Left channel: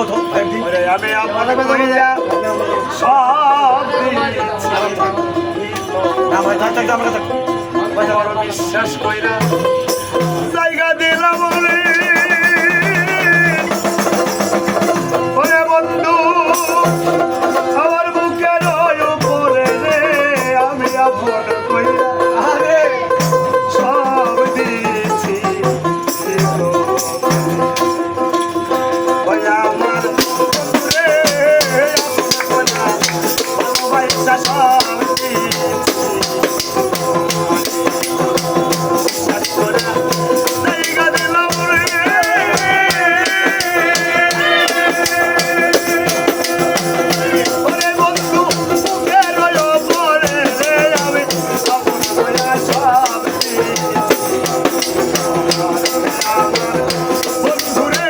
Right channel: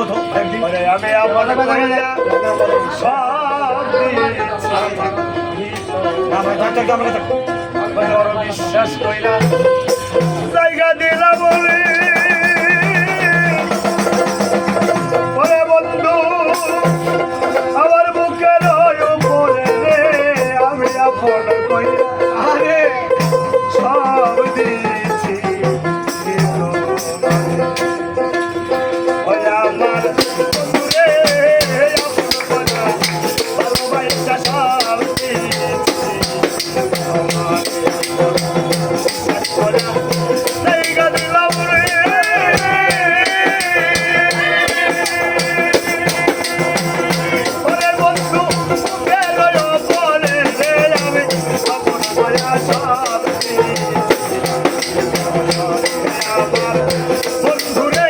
আমি আমার সব বিশ্বাস কইরা জায়গা দিলাম বলে ওরে বন্ধু আমার বুকের উপরে রে আমি আপন কইরা আরে সব দিয়েছি ওই আমার রে আপন কইরা ভালোবাসা সব দিয়েছি বিশ্বাস করা জায়গা দিলাম রে ওরে বন্ধু বুকের উপরে রে আমি আপন কইরা সব দিয়েছি আমার বন্ধু রে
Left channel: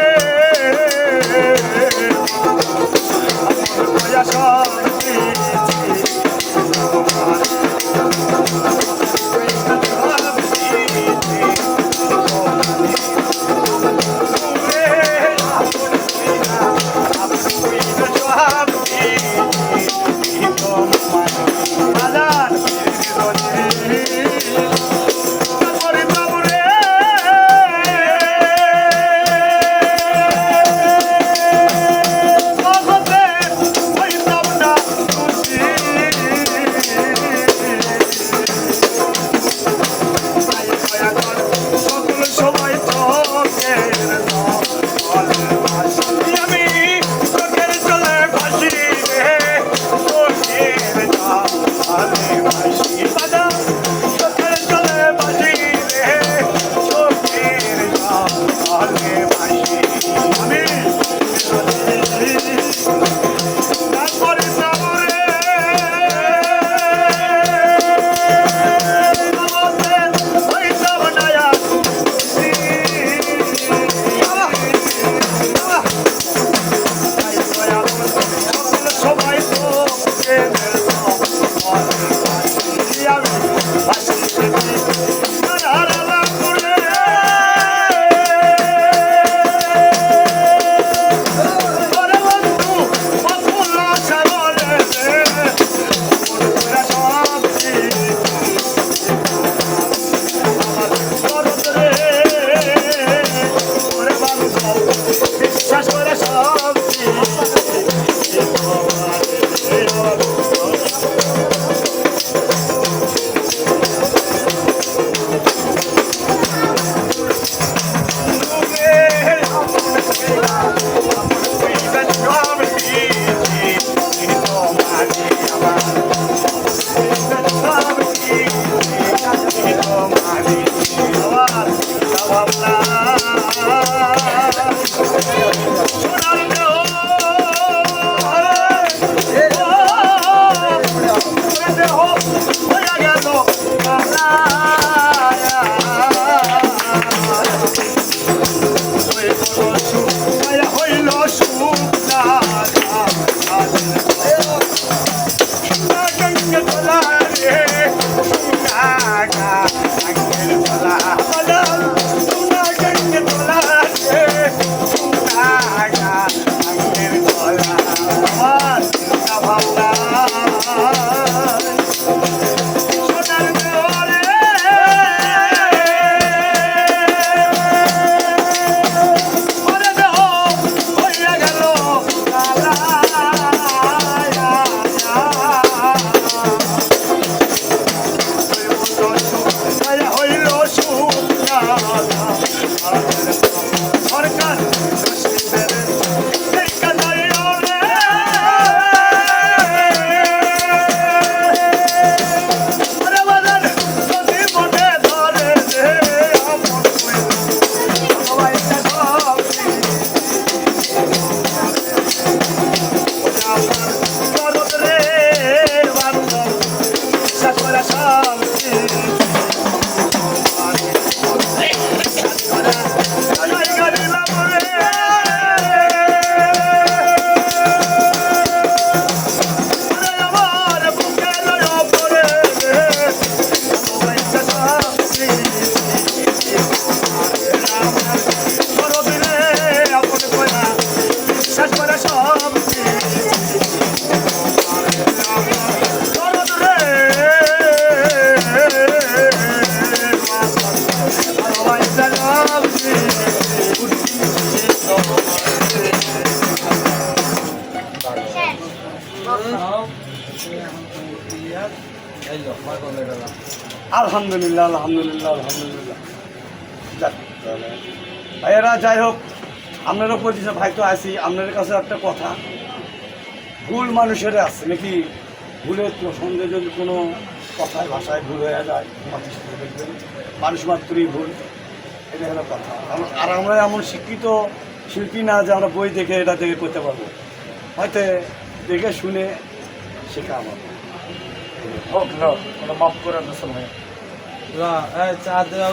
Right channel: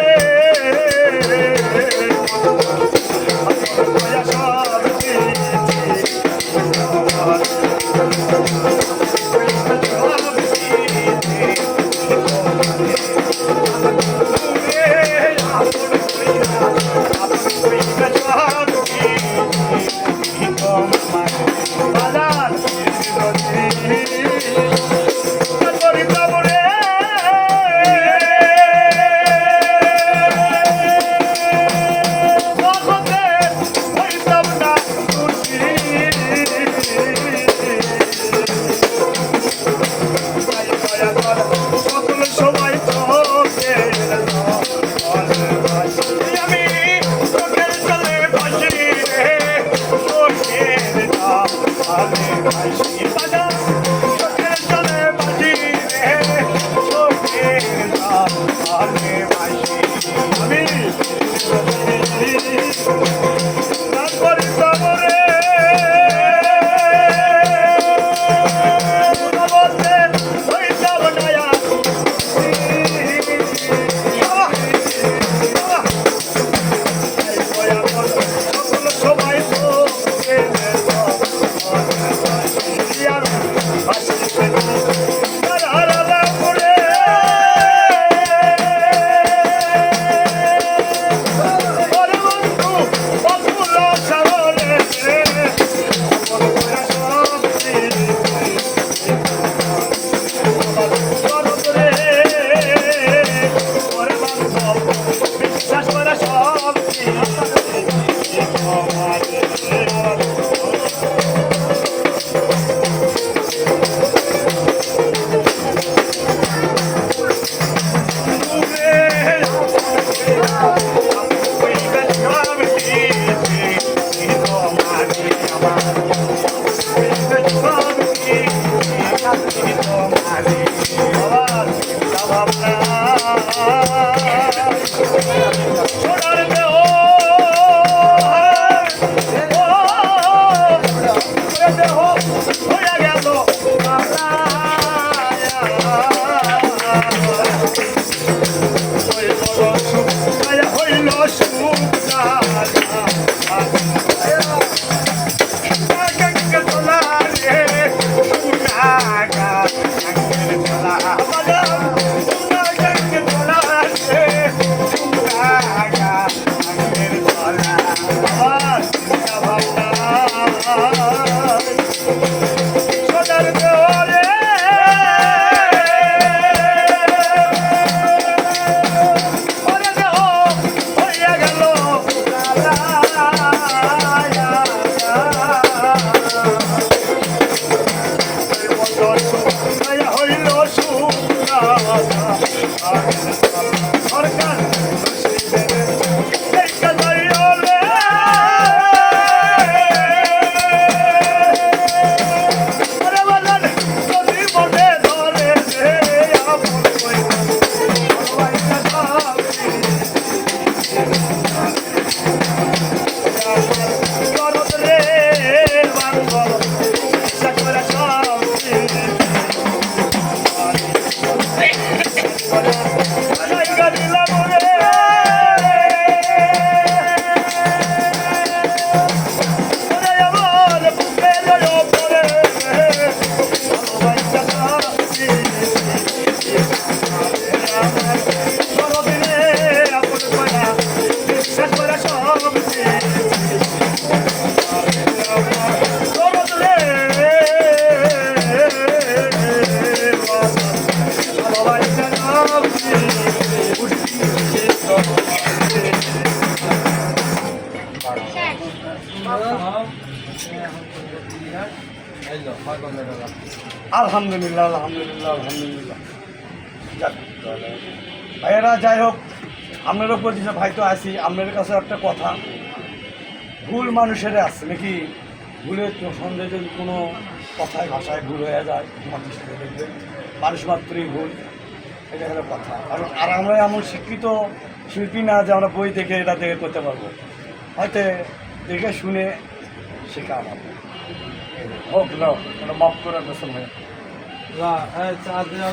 সকল সময় তোকে আমি তোকের চলে ভাসি রে তোকের ভাসি বাজা তোকের চলে ভাসি রে তোকের ভাসি আমি তারপরে তারপরে আলহামদুলিল্লাহ আলহামদুলিল্লাহ আলহামদুলিল্লাহ। যাক, ভাইয়েরা যাই হোক, আপনারও পরিচয় ভাই তো আছি। আপনাদের কাছে একটা কথা, ভুল মানুষের আছে নাকি, ভুলের সন্দেহে যদি কোনো কথায় ভাষায় ভুল হয়ে যায়, মাটির সাথে দেখবেন মানুষ মাত্রই ভুল, এটা হলো কথা। আর আমরা এমন শিক্ষিত শিল্পী না যে আমরা বই দেখে এটা দেখে করতে পারবো, হয়তো দেখে শুনে শেখা আমাদের হোক। ওটা মাফ করে দেন ভাই। চা দেওয়া